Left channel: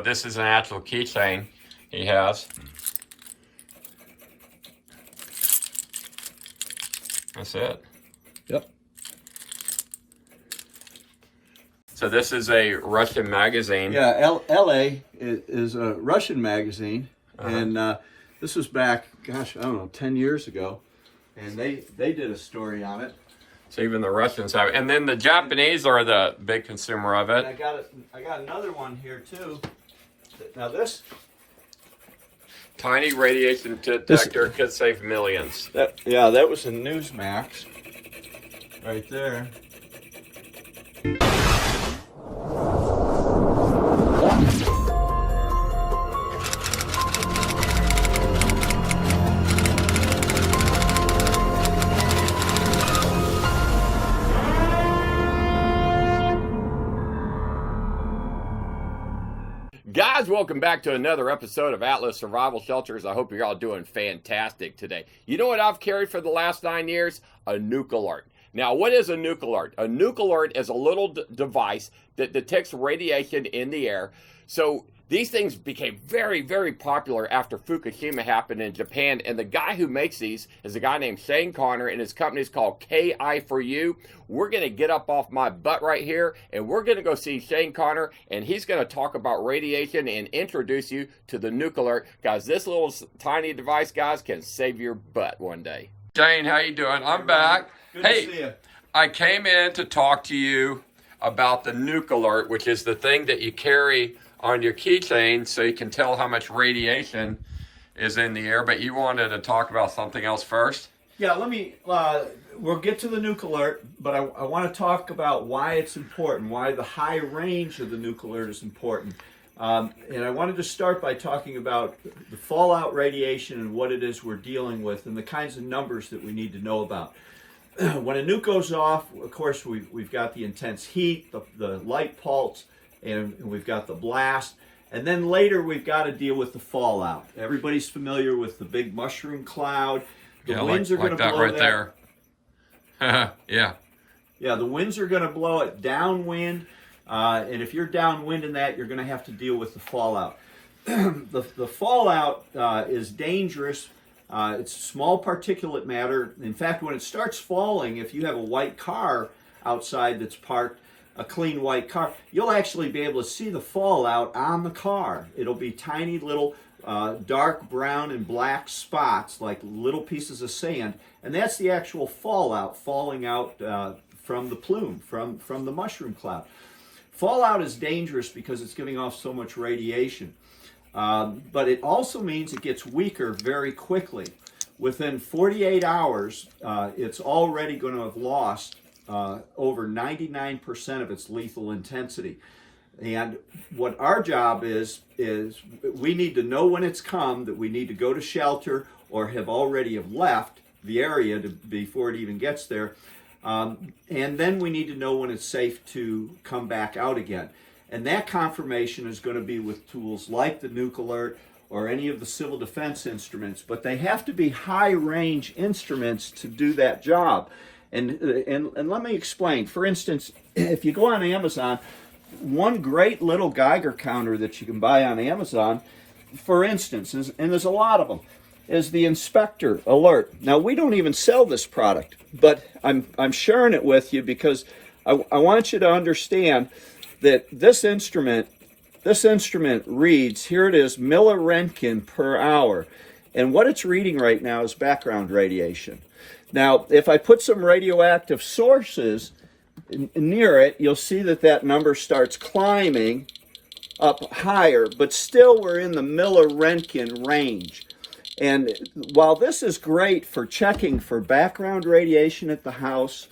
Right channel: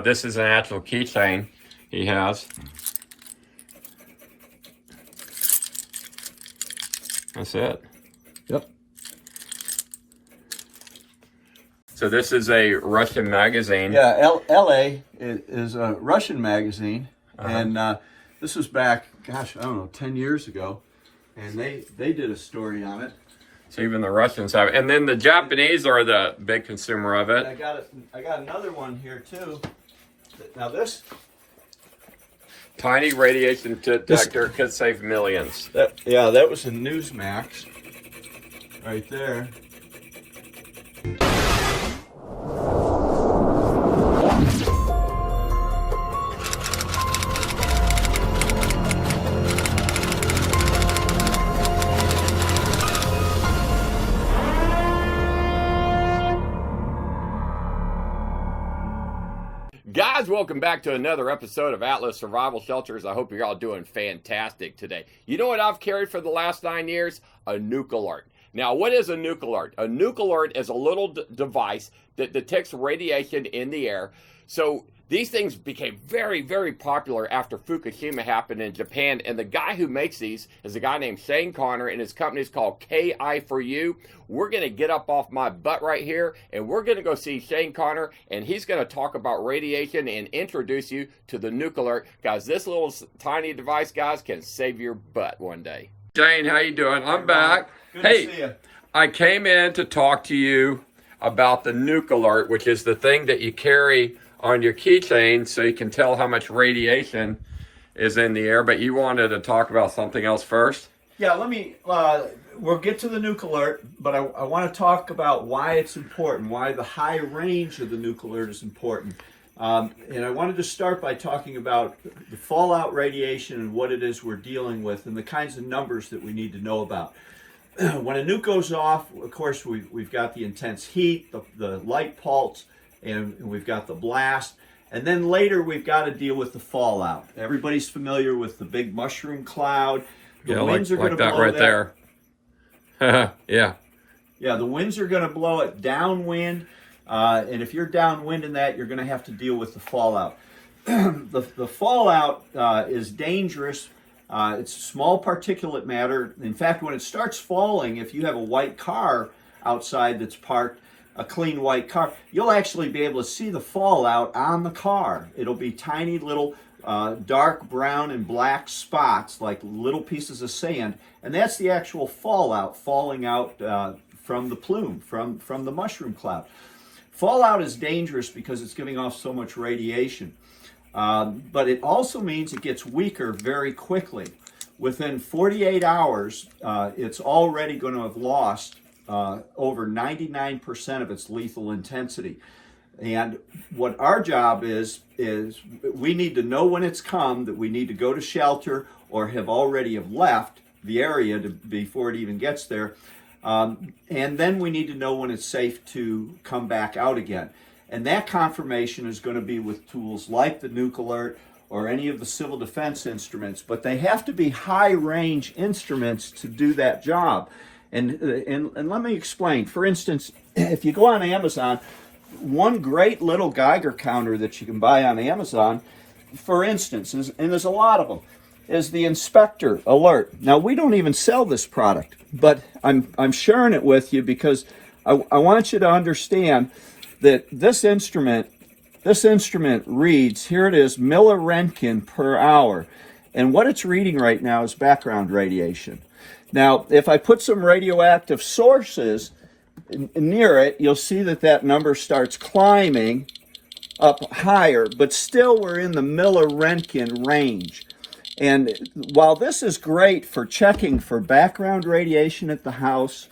This is an actual keychain he has. That's it. Yep. So this is a Russian magazine. Yeah, LA is a Russian magazine, and this was back, gosh, I don't know, 10 years ago, and they did a story on it. So even the Russians have it. And then the Japanese are the big consumer of it. And I got another one here too. Now this tiny radiation detector could save millions. that was a Newsmax right there. Guys, welcome back to another episode of Atlas Survival Shelters. I hope you're all doing fantastic today. You know what I've carried for the last 9 years? A NUK-Alert. Now, what is a NUK-Alert? A NUK-Alert is a little device that detects radiation in the air. So these things became very, very popular after Fukushima happened in Japan. And the guy who makes these is a guy named Shane Connor, and his company is called KI4U. We're going to get up off my butt right here, and we're going to go see Shane Connor, and he's going to talk about radiation and introduce you to the NUK-Alert. Guys, this little tiny device, guys, can save your butt one day. Shane, how you doing? I'm back. Good to see you. I came in to talk to you about the NUK-Alert, which is the thing that you carry on your keychain so you can tell how much radiation is in the air, but you wanted to talk about something else first? Yeah, let me, we'll get to the NUK-Alert, but I want to talk about why it's important, why the high range of the NUK-Alert is important. And I wanted to start by talking about the fallout radiation and what it is we're dealing with and the kinds of numbers that we need to know about. When a nuke goes off, of course, we've got the intense heat, the light pulse, and we've got the blast. And then later, we've got to deal with the fallout. Everybody's familiar with the big mushroom cloud. The winds are going to blow right there. Yeah. Yeah, the winds are going to blow it downwind. And if you're downwind in that, you're going to have to deal with the fallout. The fallout is dangerous. It's small particulate matter. In fact, when it starts falling, if you have a white car outside that's parked, a clean white car, you'll actually be able to see the fallout on the car. It'll be tiny little dark brown and black spots, like little pieces of sand, and that's the actual fallout falling out from the plume, from the mushroom cloud. Fallout is dangerous because it's giving off so much radiation. But it also means it gets weaker very quickly. Within 48 hours, it's already going to have lost over 99% of its lethal intensity. And what our job is we need to know when it's come, that we need to go to shelter or have already left the area before it even gets there. And then we need to know when it's safe to come back out again. And that confirmation is going to be with tools like the NUK-Alert or any of the civil defense instruments, but they have to be high-range instruments to do that job. And let me explain. For instance, if you go on Amazon, one great little Geiger counter that you can buy on Amazon, for instance, and there's a lot of them, is the Inspector Alert. Now, we don't even sell this product, but I'm sharing it with you because I want you to understand that this instrument reads, here it is, milliröntgen per hour. And what it's reading right now is background radiation. Now, if I put some radioactive sources near it, you'll see that number starts climbing up higher, but still we're in the milliröntgen range. And while this is great for checking for background radiation at the house,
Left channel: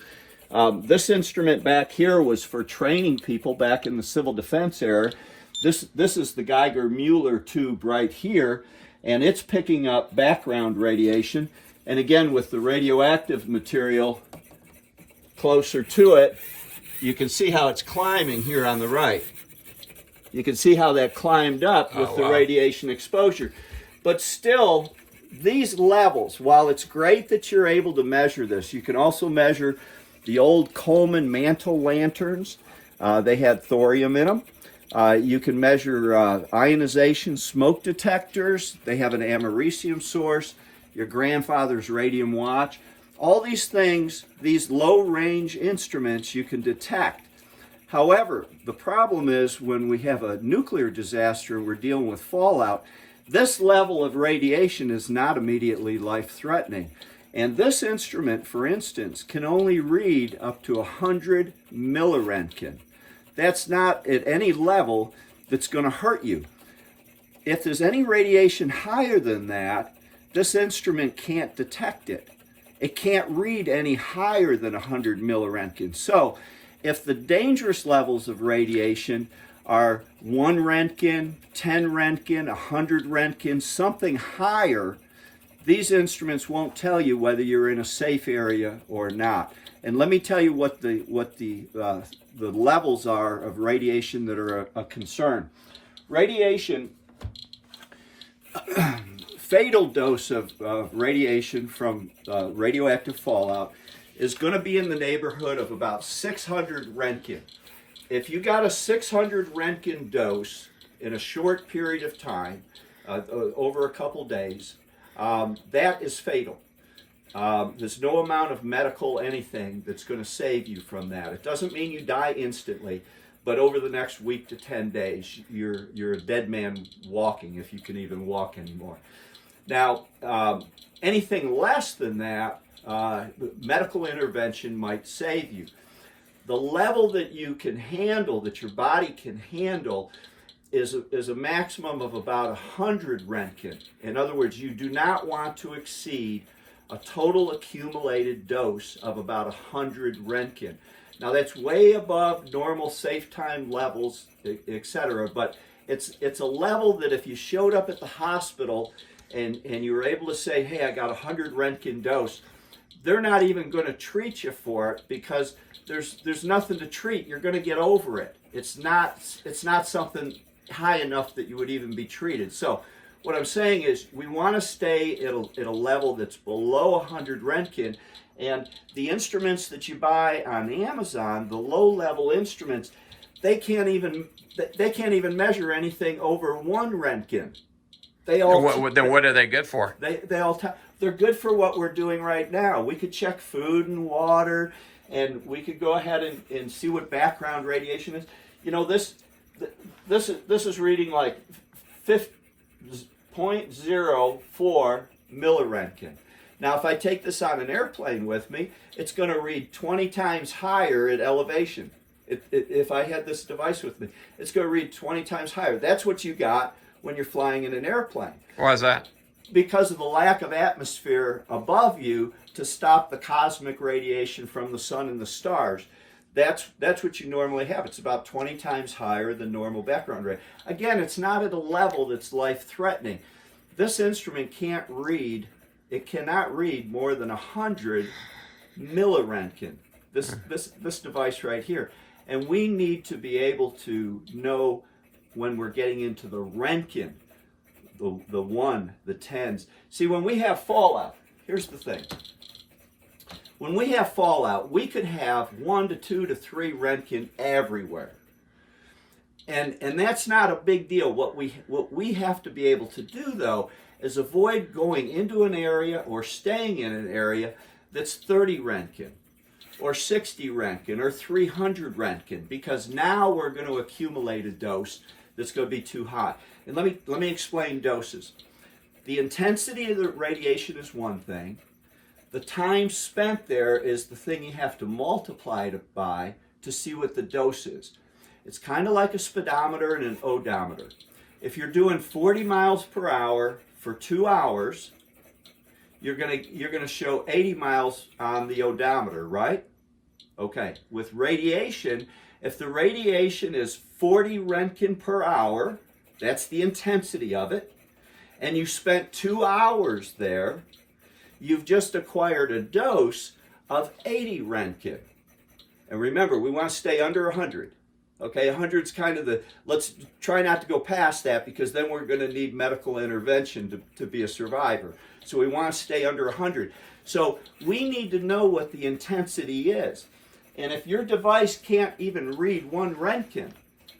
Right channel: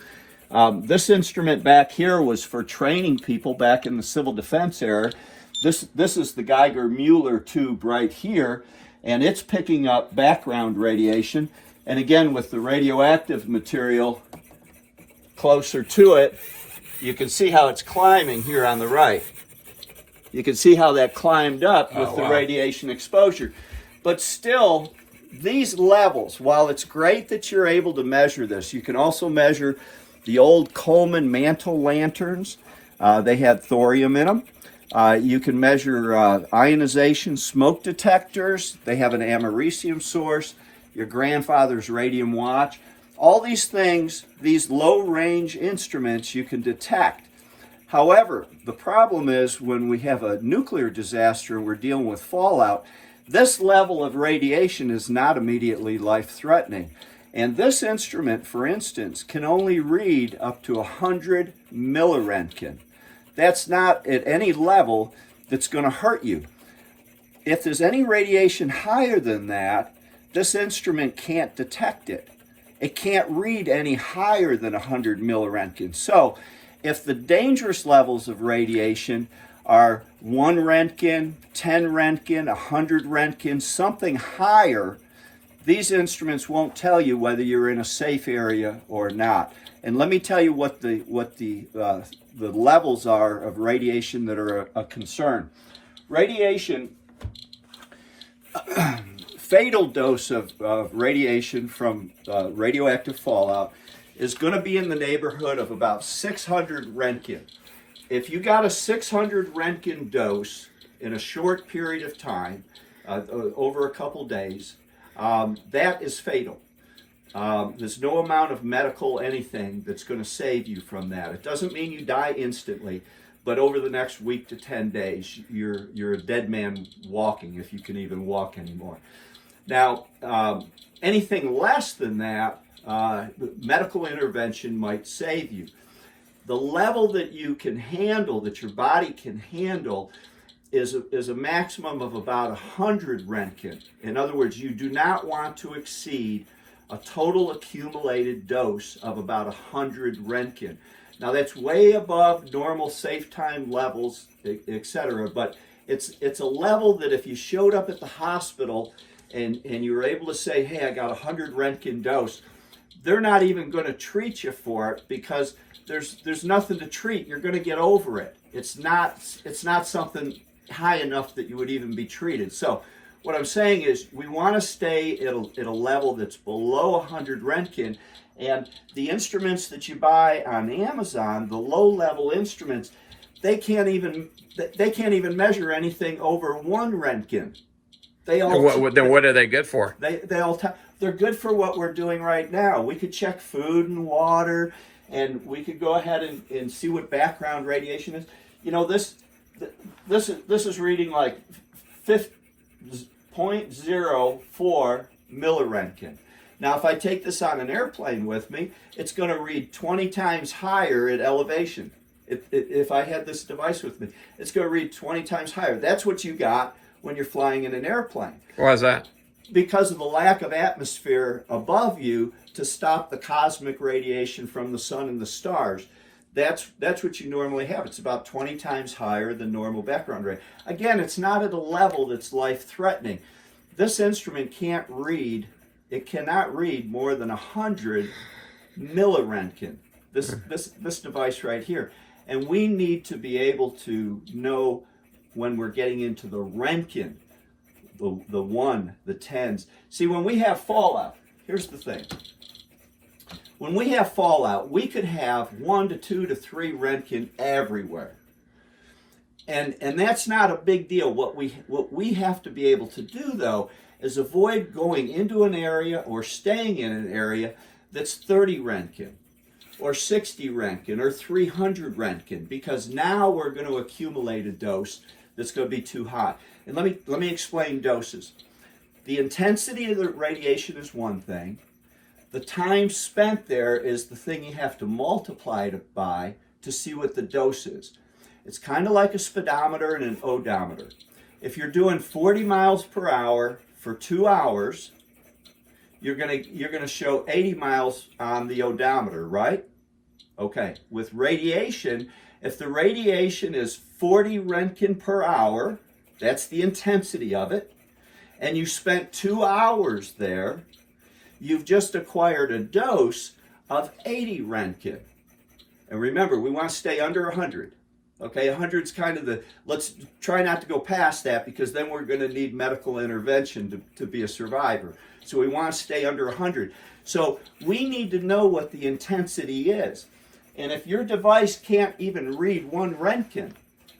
this instrument back here was for training people back in the civil defense era. This is the Geiger Muller tube right here, and it's picking up background radiation. And again, with the radioactive material closer to it, you can see how it's climbing here on the right. You can see how that climbed up with the radiation exposure. But still, these levels, while it's great that you're able to measure this, you can also measure the old Coleman mantle lanterns. They had thorium in them. You can measure ionization, smoke detectors. They have an americium source, your grandfather's radium watch. All these things, these low-range instruments, you can detect. However, the problem is when we have a nuclear disaster and we're dealing with fallout, this level of radiation is not immediately life-threatening. And this instrument, for instance, can only read up to 100 milliroentgen. That's not at any level that's going to hurt you. If there's any radiation higher than that, this instrument can't detect it. It can't read any higher than 100 milliroentgen. So if the dangerous levels of radiation are 1 Roentgen, 10 Roentgen, 100 Roentgen, something higher, these instruments won't tell you whether you're in a safe area or not. And let me tell you what the levels are of radiation that are a concern. Radiation, fatal dose of radiation from radioactive fallout is going to be in the neighborhood of about 600 Roentgen. If you got a 600 Roentgen dose in a short period of time, over a couple days, that is fatal. There's no amount of medical anything that's going to save you from that. It doesn't mean you die instantly, but over the next week to 10 days, you're a dead man walking, if you can even walk anymore. Now, anything less than that, medical intervention might save you. The level that you can handle, that your body can handle, is a maximum of about 100 Roentgen. In other words, you do not want to exceed a total accumulated dose of about 100 Roentgen. Now that's way above normal safe time levels, etc. But it's a level that if you showed up at the hospital and you were able to say, hey, I got a 100 Roentgen dose, they're not even going to treat you for it because there's nothing to treat. You're going to get over it. It's not something high enough that you would even be treated. So what I'm saying is we want to stay at a level that's below 100 Roentgen, and the instruments that you buy on Amazon, the low-level instruments, they can't even measure anything over 1 Roentgen. Then what are they good for? They're good for what we're doing right now. We could check food and water, and we could go ahead and see what background radiation is. You know, this is reading like 0.04 milliroentgen. Now, if I take this on an airplane with me, it's going to read 20 times higher at elevation. If I had this device with me, it's going to read 20 times higher. That's what you got when you're flying in an airplane. Why is that? Because of the lack of atmosphere above you to stop the cosmic radiation from the sun and the stars. That's what you normally have. It's about 20 times higher than normal background rate. Again, it's not at a level that's life-threatening. This instrument can't read, it cannot read more than 100 milliroentgen, this device right here. And we need to be able to know when we're getting into the Roentgen, the 1, the 10s. See, when we have fallout, here's the thing. When we have fallout, we could have 1 to 2 to 3 Roentgen everywhere. And that's not a big deal. What we have to be able to do, though, is avoid going into an area or staying in an area that's 30 Roentgen or 60 Roentgen or 300 Roentgen, because now we're going to accumulate a dose that's going to be too high. And let me explain doses. The intensity of the radiation is one thing. The time spent there is the thing you have to multiply it by to see what the dose is. It's kind of like a speedometer and an odometer. If you're doing 40 miles per hour for 2 hours, you're gonna show 80 miles on the odometer, right? Okay. With radiation, if the radiation is 40 Roentgen per hour, that's the intensity of it, and you spent 2 hours there, you've just acquired a dose of 80 Roentgen. And remember, we want to stay under 100. Okay, 100 is kind of let's try not to go past that, because then we're going to need medical intervention to be a survivor. So we want to stay under 100. So we need to know what the intensity is. And if your device can't even read 1 Roentgen,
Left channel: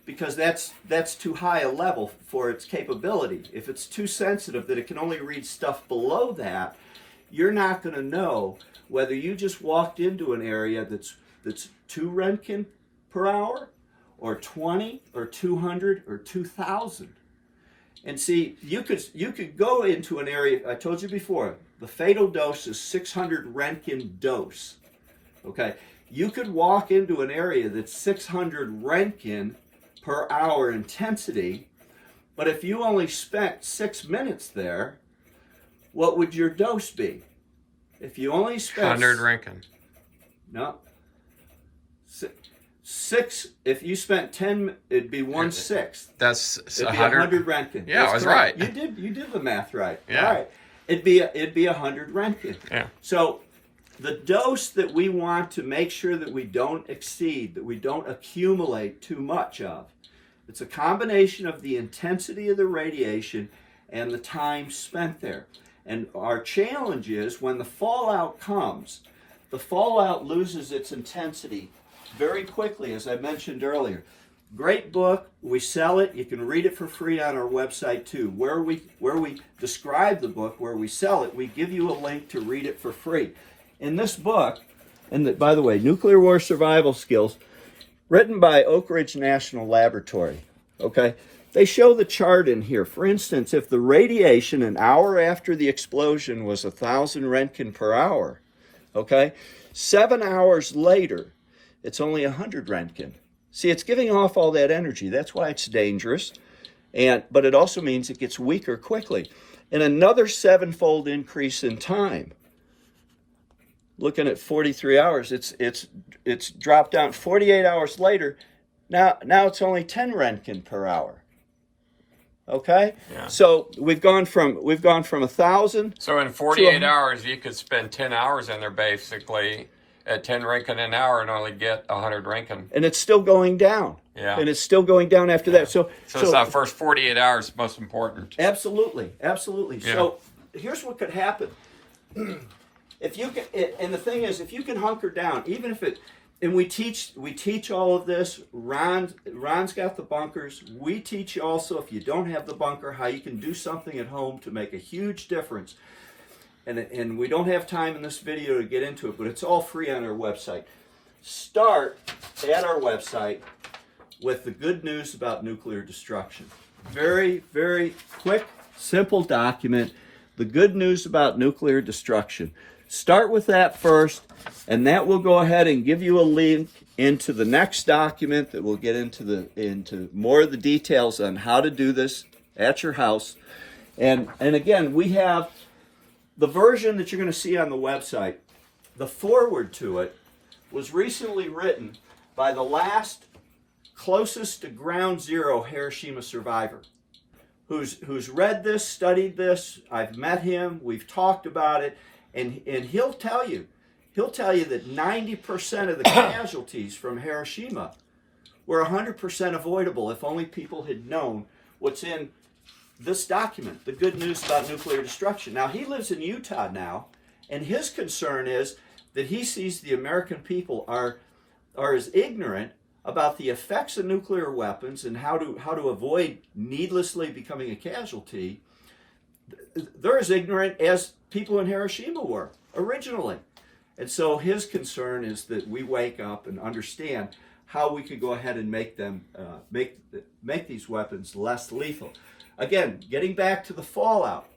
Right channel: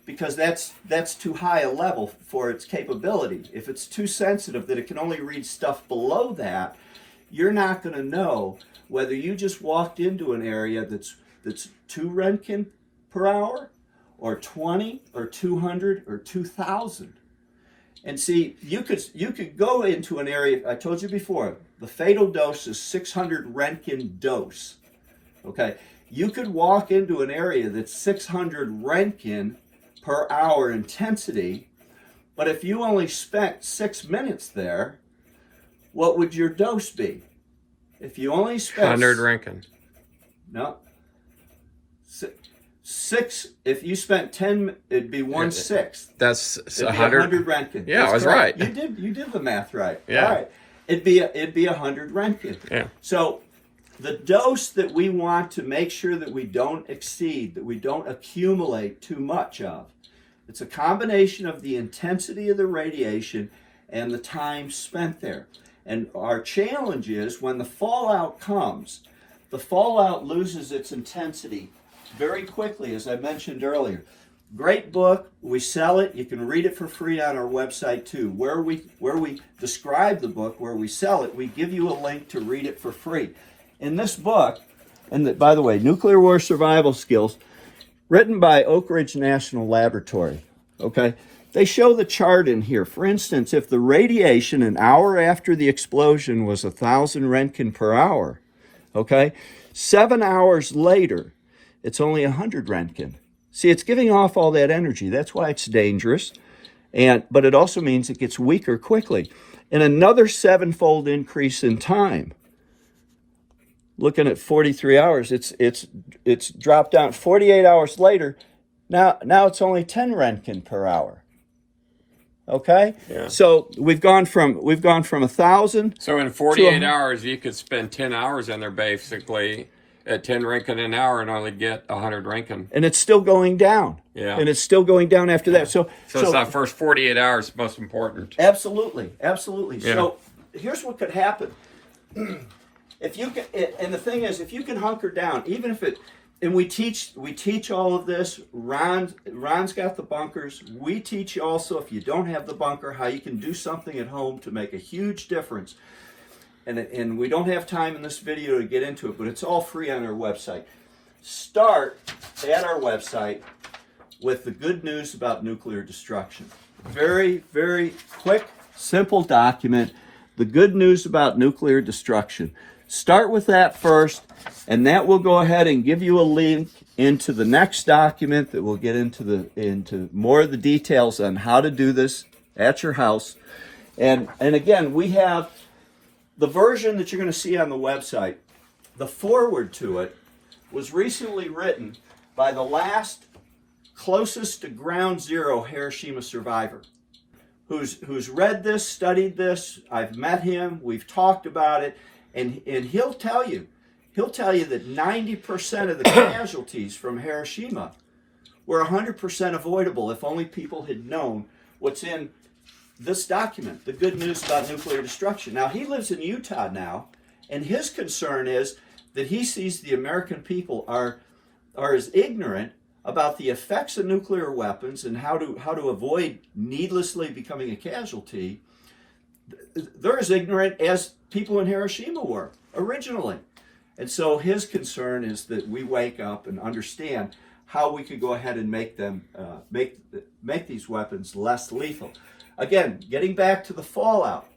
because that's too high a level for its capability. If it's too sensitive that it can only read stuff below that, you're not going to know whether you just walked into an area that's 2 Roentgen per hour, or 20, or 200, or 2,000. And see, you could go into an area, I told you before, the fatal dose is 600 Roentgen dose. Okay, you could walk into an area that's 600 Roentgen per hour intensity, but if you only spent 6 minutes there, what would your dose be? If you only spent 100 Roentgen. No. 6. If you spent 10, it'd be 1/6. That's It'd 100 Roentgen. Yeah, I was correct. right. You did the math right. Yeah. All right. It'd be 100 Roentgen. Yeah. So the dose that we want to make sure that we don't exceed, that we don't accumulate too much of, it's a combination of the intensity of the radiation and the time spent there. And our challenge is when the fallout comes, the fallout loses its intensity very quickly, as I mentioned earlier. Great book. We sell it. You can read it for free on our website too. Where we describe the book, where we sell it, we give you a link to read it for free. In this book, and by the way, Nuclear War Survival Skills, written by Oak Ridge National Laboratory. Okay, they show the chart in here. For instance, if the radiation an hour after the explosion was 1,000 Roentgen per hour, okay, 7 hours later, it's only 100 Roentgen. See, it's giving off all that energy. That's why it's dangerous. But it also means it gets weaker quickly. And another 7-fold increase in time. Looking at 43 hours, it's dropped down. 48 hours later, now it's only 10 Roentgen per hour. Okay? Yeah. So we've gone from 1,000. So in 48 hours, you could spend 10 hours in there basically at 10 Roentgen an hour and only get 100 Roentgen. And it's still going down. Yeah. And it's still going down after that. So it's that first 48 hours most important. Absolutely. Absolutely. Yeah. So here's what could happen. If you can, and the thing is, if you can hunker down, even if it, and we teach all of this. Ron's got the bunkers. We teach you also, if you don't have the bunker, how you can do something at home to make a huge difference. And we don't have time in this video to get into it, but it's all free on our website. Start at our website with the good news about nuclear destruction. Very, very quick, simple document. The good news about nuclear destruction. Start with that first, and that will go ahead and give you a link into the next document that will get into more of the details on how to do this at your house. And again, we have the version that you're going to see on the website. The foreword to it was recently written by the last closest to ground zero Hiroshima survivor, who's read this, studied this. I've met him. We've talked about it. And he'll tell you that 90% of the casualties from Hiroshima were 100% avoidable if only people had known what's in this document, the good news about nuclear destruction. Now, he lives in Utah now, and his concern is that he sees the American people are as ignorant about the effects of nuclear weapons and how to avoid needlessly becoming a casualty. They're as ignorant as people in Hiroshima were originally. And so his concern is that we wake up and understand how we could go ahead and make them make these weapons less lethal. Again, getting back to the fallout.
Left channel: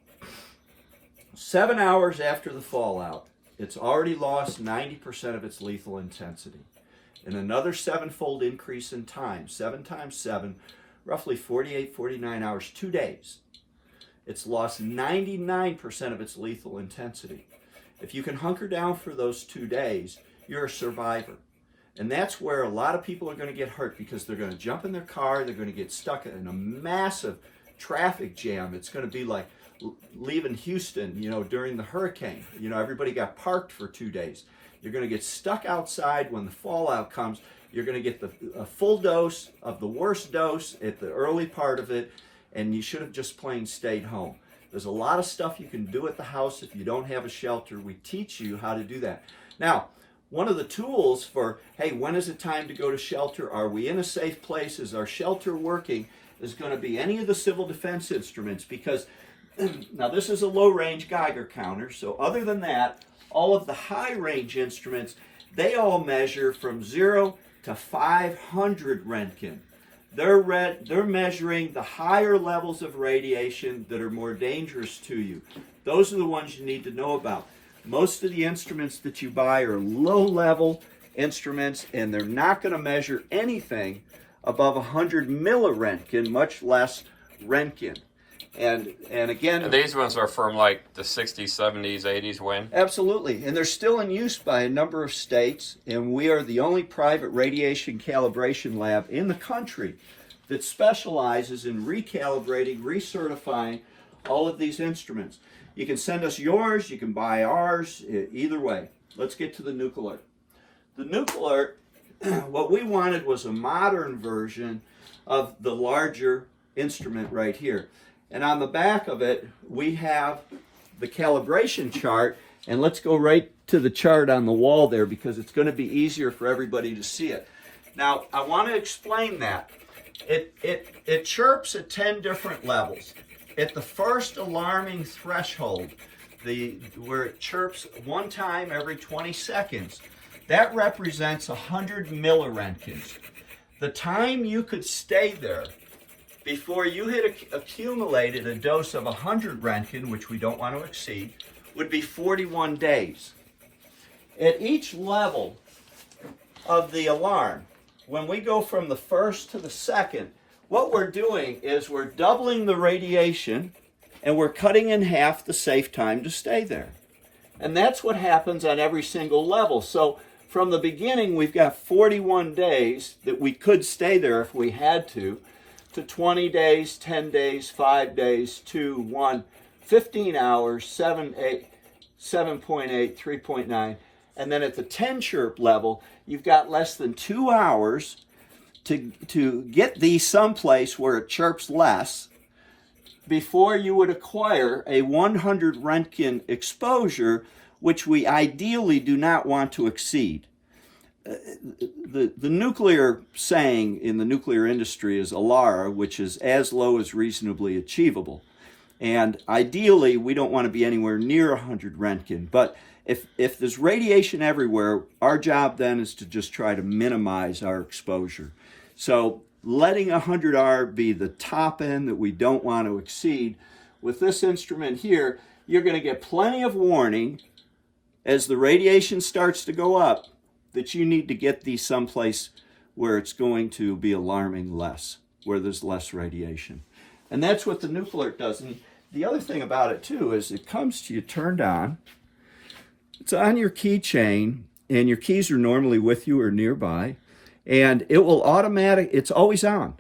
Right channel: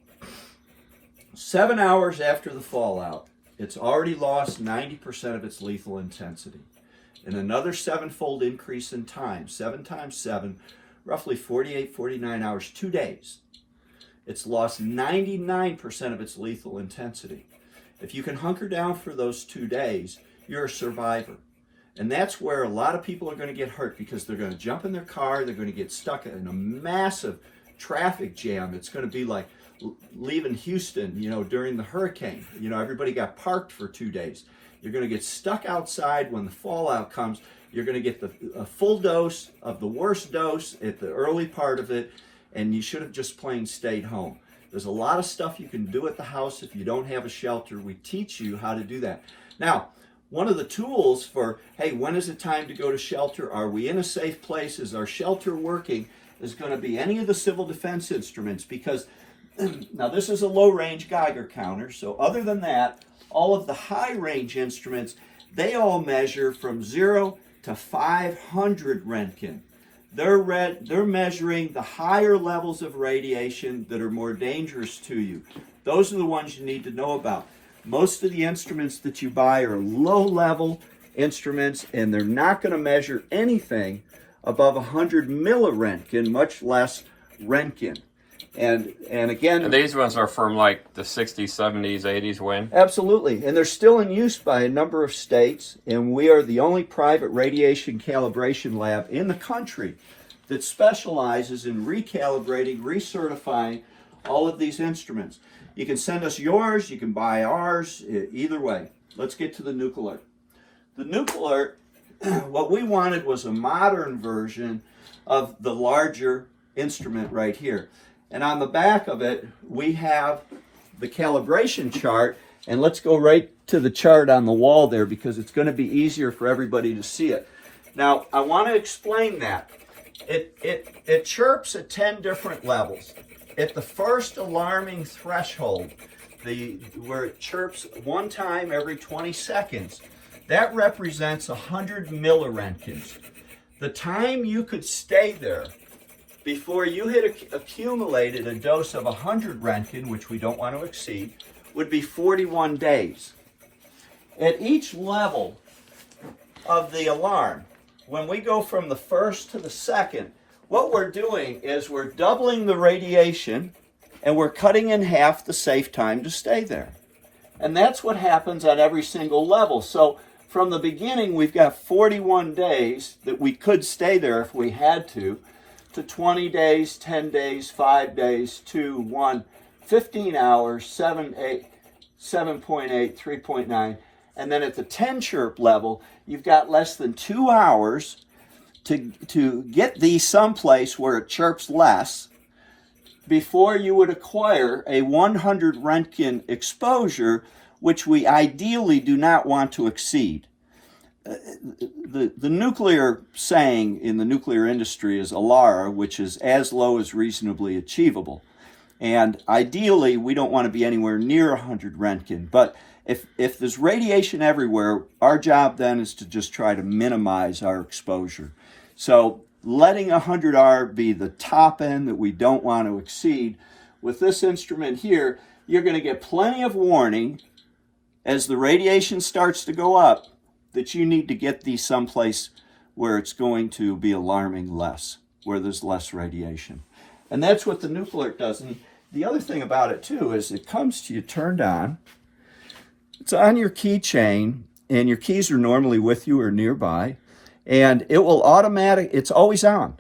7 hours after the fallout, it's already lost 90% of its lethal intensity. And another 7-fold increase in time, 7 times 7, roughly 48, 49 hours, 2 days. It's lost 99% of its lethal intensity. If you can hunker down for those 2 days, you're a survivor. And that's where a lot of people are going to get hurt, because they're going to jump in their car, they're going to get stuck in a massive traffic jam. It's going to be like leaving Houston, during the hurricane. Everybody got parked for 2 days. You're going to get stuck outside when the fallout comes. You're going to get a full dose of the worst dose at the early part of it, and you should have just plain stayed home. There's a lot of stuff you can do at the house if you don't have a shelter. We teach you how to do that. Now, one of the tools for, hey, when is it time to go to shelter? Are we in a safe place? Is our shelter working? Is going to be any of the civil defense instruments, because now this is a low range Geiger counter. So other than that, all of the high range instruments, they all measure from 0 to 500 Roentgen. They're measuring the higher levels of radiation that are more dangerous to you. Those are the ones you need to know about. Most of the instruments that you buy are low-level instruments, and they're not going to measure anything above 100 milliroentgen, much less Roentgen. And again... And these ones are from like the 60s, 70s, 80s when? Absolutely. And they're still in use by a number of states, and we are the only private radiation calibration lab in the country that specializes in recalibrating, recertifying all of these instruments. You can send us yours, you can buy ours, either way. Let's get to the NUK-Alert. The NUK-Alert, what we wanted was a modern version of the larger instrument right here. And on the back of it, we have the calibration chart. And let's go right to the chart on the wall there, because it's going to be easier for everybody to see it. Now, I want to explain that. It chirps at 10 different levels. At the first alarming threshold, where it chirps one time every 20 seconds, that represents 100 milliroentgens. The time you could stay there before you had accumulated a dose of 100 Roentgen, which we don't want to exceed, would be 41 days. At each level of the alarm, when we go from the first to the second, what we're doing is we're doubling the radiation, and we're cutting in half the safe time to stay there. And that's what happens at every single level. So from the beginning, we've got 41 days that we could stay there if we had to 20 days, 10 days, 5 days, 2, 1, 15 hours, 7, 8, 7.8, 3.9. And then at the 10 chirp level, you've got less than 2 hours to get these someplace where it chirps less before you would acquire a 100 Roentgen exposure, which we ideally do not want to exceed. The nuclear saying in the nuclear industry is ALARA, which is as low as reasonably achievable. And ideally, we don't want to be anywhere near 100 Roentgen. But if there's radiation everywhere, our job then is to just try to minimize our exposure. So letting 100R be the top end that we don't want to exceed. With this instrument here, you're going to get plenty of warning as the radiation starts to go up that you need to get these someplace where it's going to be alarming less, where there's less radiation. And that's what the NUK-Alert does. And the other thing about it too is it comes to you turned on. It's on your keychain, and your keys are normally with you or nearby. And it will it's always on.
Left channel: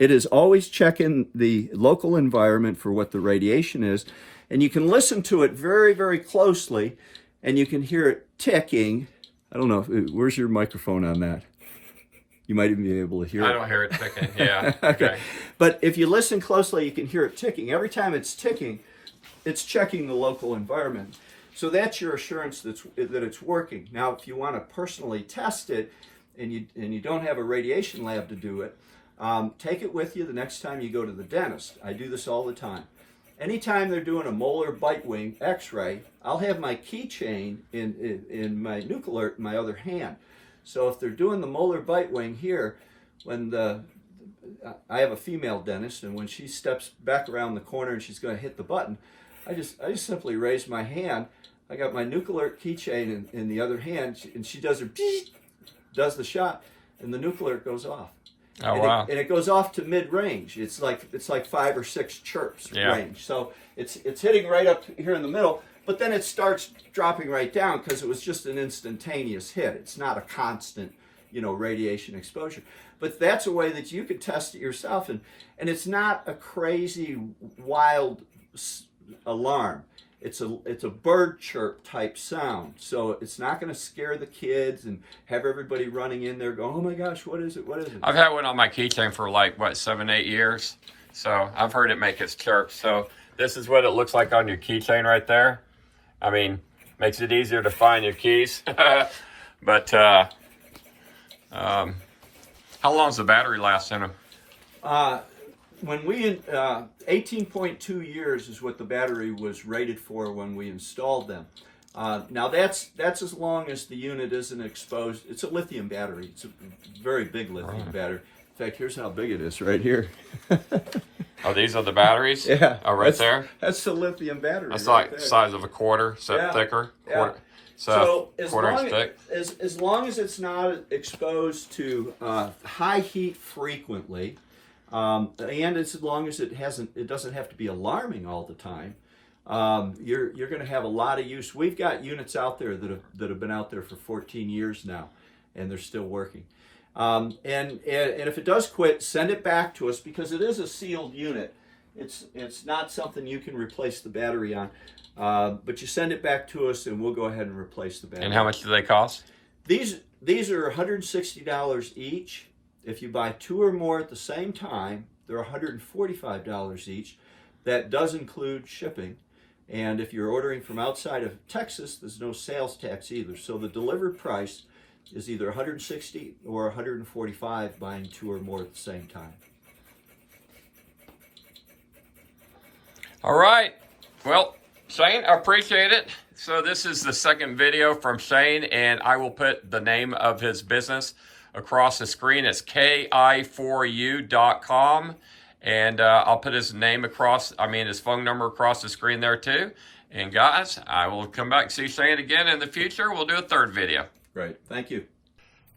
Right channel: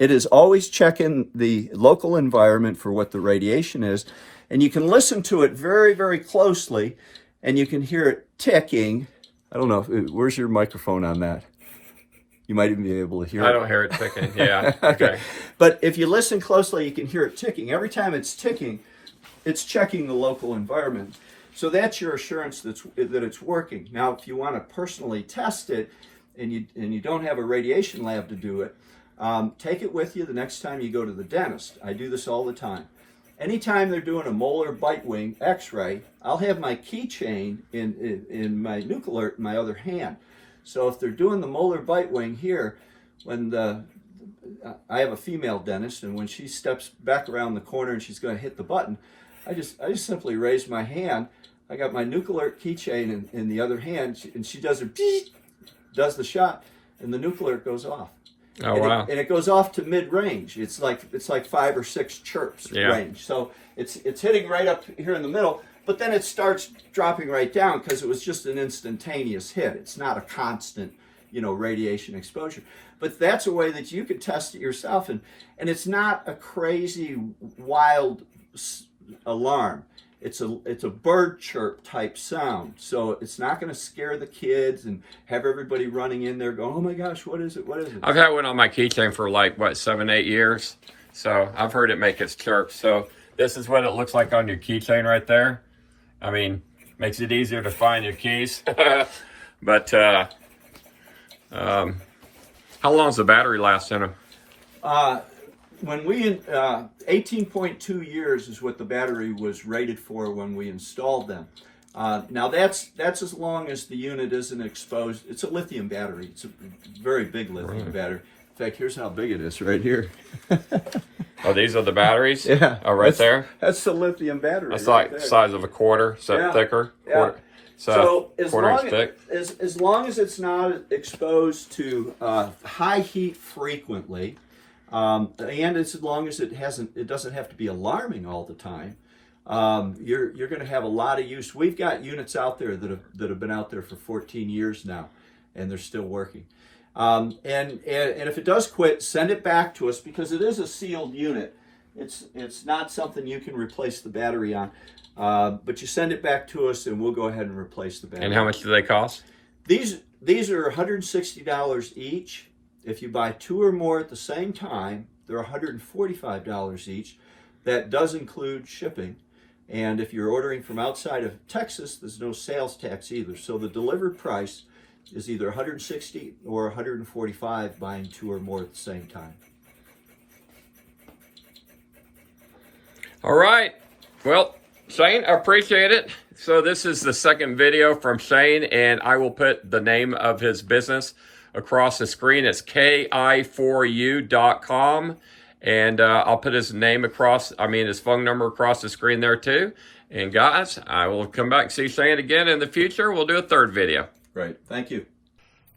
It is always checking the local environment for what the radiation is. And you can listen to it very, very closely, and you can hear it ticking. I don't know, where's your microphone on that? You might even be able to hear it. I don't hear it ticking, yeah. Okay. But if you listen closely, you can hear it ticking. Every time it's ticking, it's checking the local environment. So that's your assurance that it's working. Now, if you want to personally test it, and you don't have a radiation lab to do it, take it with you the next time you go to the dentist. I do this all the time. Anytime they're doing a molar bite wing x-ray, I'll have my keychain in my NUK-Alert in my other hand. So if they're doing the molar bite wing here, I have a female dentist, and when she steps back around the corner and she's going to hit the button, I just simply raise my hand. I got my NUK-Alert keychain in the other hand, and she does her does the shot, and the NUK-Alert goes off. Oh, and wow. It goes off to mid-range. It's like 5 or 6 chirps range. So it's hitting right up here in the middle, but then it starts dropping right down because it was just an instantaneous hit. It's not a constant, radiation exposure. But that's a way that you could test it yourself, and it's not a crazy, wild alarm. It's a bird chirp type sound, so it's not going to scare the kids and have everybody running in there going, oh my gosh, what is it, what is it? I've had one on my keychain for 7-8 years, so I've heard it make its chirp. So this is what it looks like on your keychain right there. I mean, makes it easier to find your keys. But how long does the battery last in them? When we 18.2 years is what the battery was rated for when we installed them. Now that's as long as the unit isn't exposed. It's a lithium battery. It's a very big lithium battery. In fact, here's how big it is right here. Oh, these are the batteries? Yeah. Oh, right there? That's the lithium battery. That's right like the there. size of a quarter, so Yeah. thicker. Quarter, Yeah. so as quarter long inch thick. as long as it's not exposed to high heat frequently, and as long as it doesn't have to be alarming all the time, you're going to have a lot of use. We've got units out there that have been out there for 14 years now, and they're still working. And if it does quit, send it back to us, because it is a sealed unit. It's not something you can replace the battery on. But you send it back to us, and we'll go ahead and replace the battery. And how much do they cost? These are $160 each. If you buy 2 or more at the same time, they're $145 each. That does include shipping. And if you're ordering from outside of Texas, there's no sales tax either. So the delivered price is either $160 or $145 buying 2 or more at the same time. All right. Well, Shane, I appreciate it. So this is the second video from Shane, and I will put the name of his business across the screen. It's ki4u.com, and I'll put his name his phone number across the screen there too. And guys, I will come back and see Shane again in the future. We'll do a third video. Great. Thank you.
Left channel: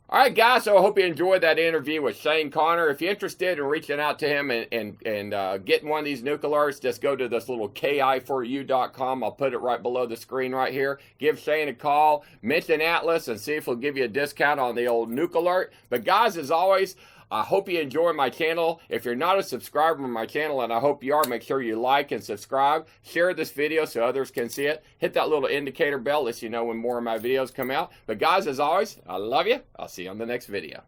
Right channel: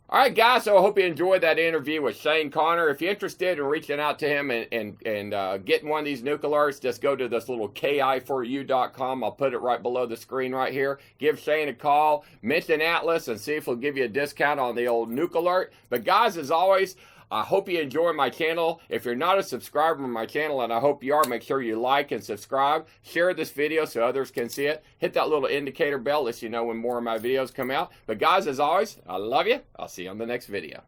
All right, guys, so I hope you enjoyed that interview with Shane Connor. If you're interested in reaching out to him and getting one of these NUK-Alerts, just go to this little ki4u.com. I'll put it right below the screen right here. Give Shane a call, mention Atlas, and see if he'll give you a discount on the old NUK-Alert. But guys, as always, I hope you enjoy my channel. If you're not a subscriber to my channel, and I hope you are, make sure you like and subscribe. Share this video so others can see it. Hit that little indicator bell, lets you know when more of my videos come out. But guys, as always, I love you. I'll see you on the next video.